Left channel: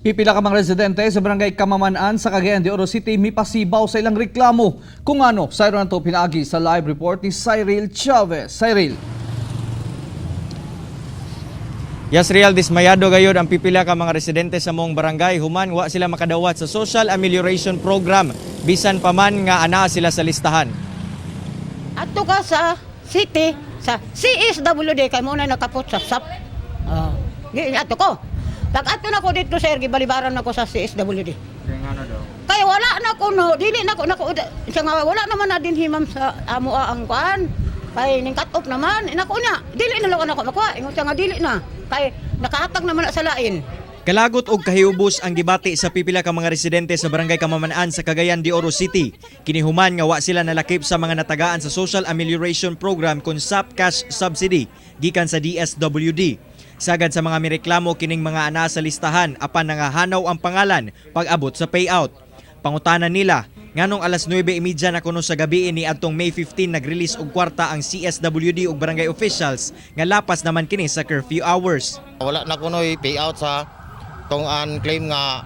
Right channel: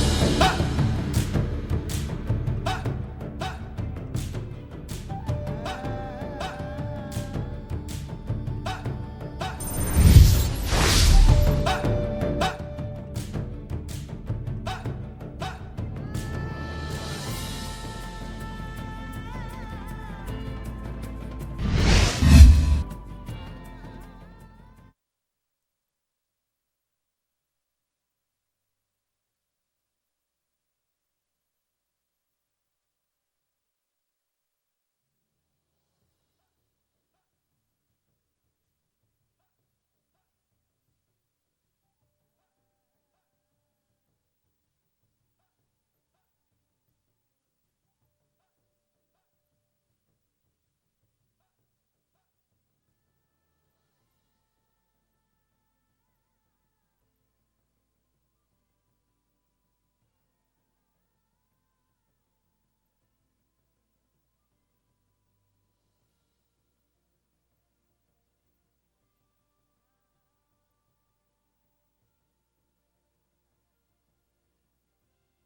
Pipila ka mga residente sa barangay Kamaman-an sa Cagayan de Oro City mipasibaw sa ilang reklamo. Kung ano, sa na to pinaagi sa live report ni Cyril Chavez. Cyril. Yes, Real, dismayado gayod ang pipila ka mga residente sa mong barangay. Human, wa sila makadawat sa Social Amelioration Program. Bisan pa man nga ana sila sa listahan. Ato ka sa city, sa CSWD, kay muna nakapot sa SAP. Ato ko. Pag ato na ko dito, sir, gibalibaran na ko sa CSWD. Kaya wala na ko, no, dili na ko, siya nga, wala naman na din himam sa amo ang kuan. Kay ning cut off naman, inako niya, dili na lang ako makuha, ingon siya nga dili na. Kay nakahatag naman na sa lain. Kalagot og kahiubos ang gibati sa pipila ka mga residente sa barangay Kamaman-an sa Cagayan de Oro City. Kinihuman nga wa sila nalakip sa mga natagaan sa Social Amelioration Program kun SAP Cash Subsidy gikan sa DSWD. Sagad sa mga mireklamo kining mga ana sa listahan apan nangahanaw ang pangalan pag-abot sa payout. Pangutanan nila, nganong alas 9:30 na kuno sa gabi ni adtong May 15 nag-release og kwarta ang CSWD ug barangay officials nga lapas naman kini sa curfew hours. Wala na kuno'y payout sa tong claim nga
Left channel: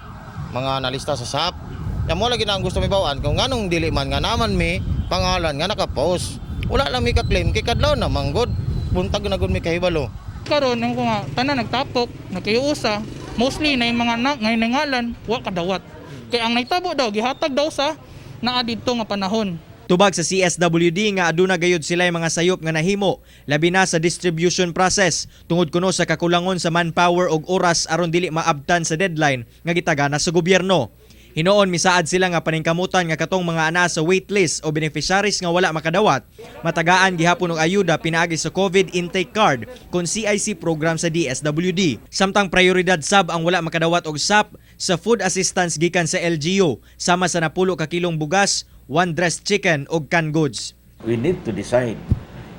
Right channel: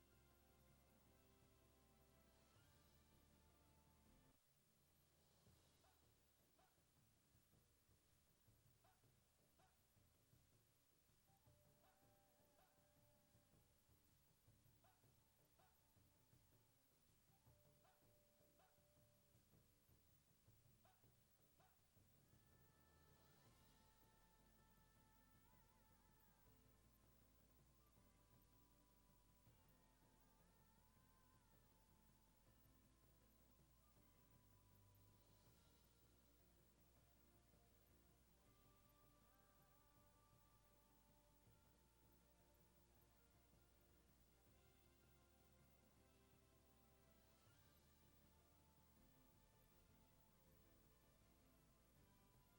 mga nalista sa SAP. Ya mo lagi na ang gusto mi bawaan kung nganong dili man nga naman mi pangalan nga naka-post. Wala lang mi ka-claim kay kadlaw na manggod. Buntag na gud mi kahibalo. Karon ang mga tanan nagtapok, nagkayusa, mostly na yung mga ngay nangalan, wa kadawat. Kaya ang naitabo daw gihatag daw sa naa didto nga panahon. Tubag sa CSWD nga aduna gayud sila mga sayop nga nahimo, labi na sa distribution process tungod kuno sa kakulangon sa manpower og oras aron dili maabtan sa deadline nga gitagana sa gobyerno. Hinoon misaad sila nga paningkamutan nga katong mga ana sa waitlist o beneficiaries nga wala makadawat, matagaan gihapon og ayuda pinaagi sa COVID intake card kun CIC program sa DSWD. Samtang prioridad sab ang wala makadawat og SAP sa food assistance gikan sa LGU sama sa napulo ka kilong bugas, 1 dressed chicken ug canned goods. We need to decide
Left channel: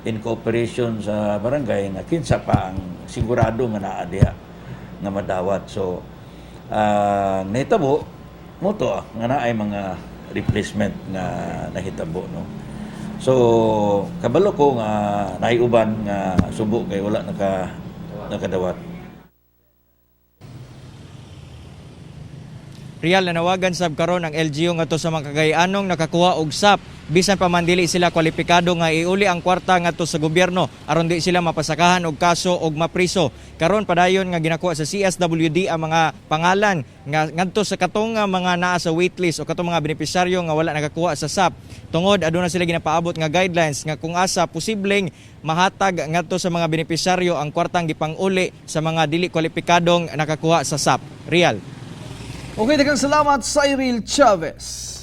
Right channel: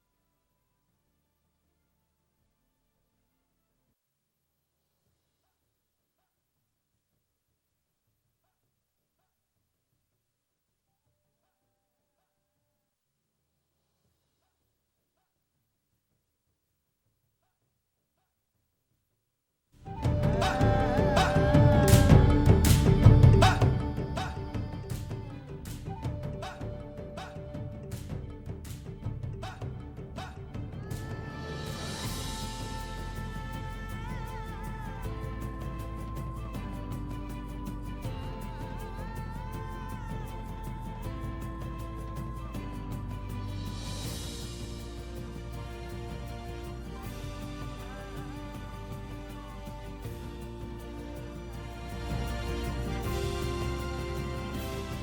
in cooperation sa barangay nga kinsa pa ang sigurado nga naa diha nga madawat. So nahitabo mo to nga naay mga replacement nga nahitabo, no. So kabalo ko nga naay uban nga subo kay wala nakadawat. Real, nanawagan sab karon ang LGU ngadto sa mga Cagayanong nakakuha og SAP bisan pa man dili sila kwalipikado nga iuli ang kwarta ngadto sa gobyerno aron di sila mapasakahan og kaso og mapriso. Karon padayon nga ginakuha sa CSWD ang mga pangalan nga ngadto sa katong mga naa sa waitlist o katong mga benepisyaryo nga wala nakakuha sa SAP. Tungod aduna sila ginapaabot nga guidelines nga kung asa posibleng mahatag ngadto sa mga benepisyaryo ang kwartang gipang-uli sa mga dili kwalipikadong nakakuha sa SAP. Real. Okay, daghang salamat Cyril Chavez.